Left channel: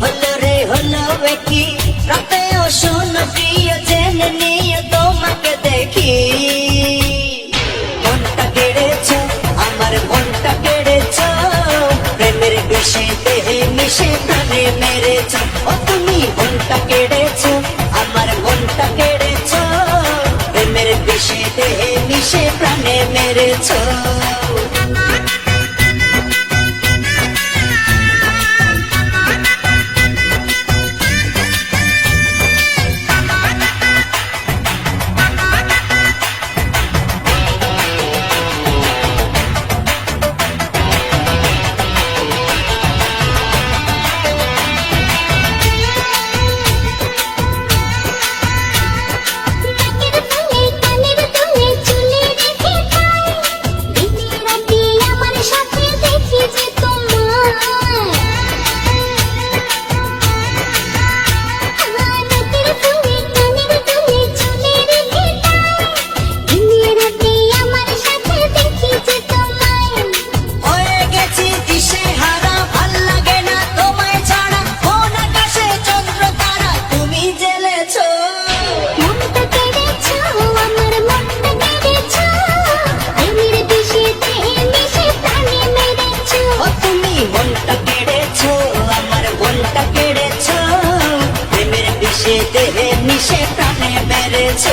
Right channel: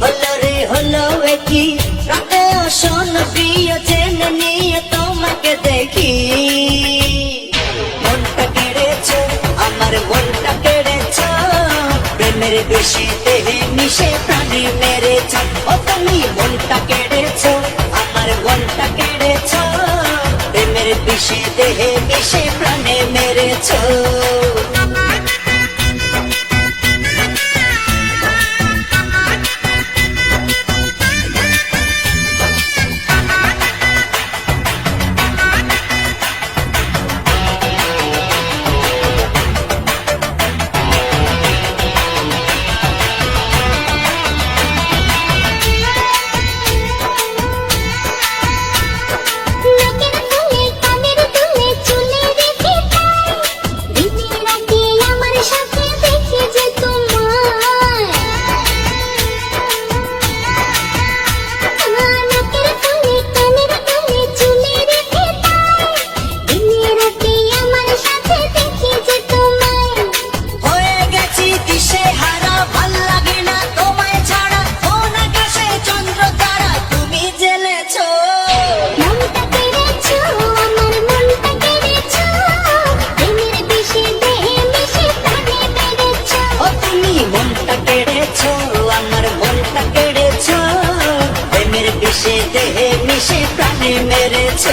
হলো রে হলো কি রাতে অসন প্রিয় জেনে নিয়ে তোমাকে দেখি মনটা কেড়েছ আমার মনটা কেড়েছ প্রেমের বিষে দেহে মিশে প্রাণে মেরেছ ও তুমি মনটা কেড়েছ আমার মনটা কেড়েছ প্রেমের বিষে দেহে মিশে প্রাণে মেরেছ দেহে মিশে প্রাণে মেরেছ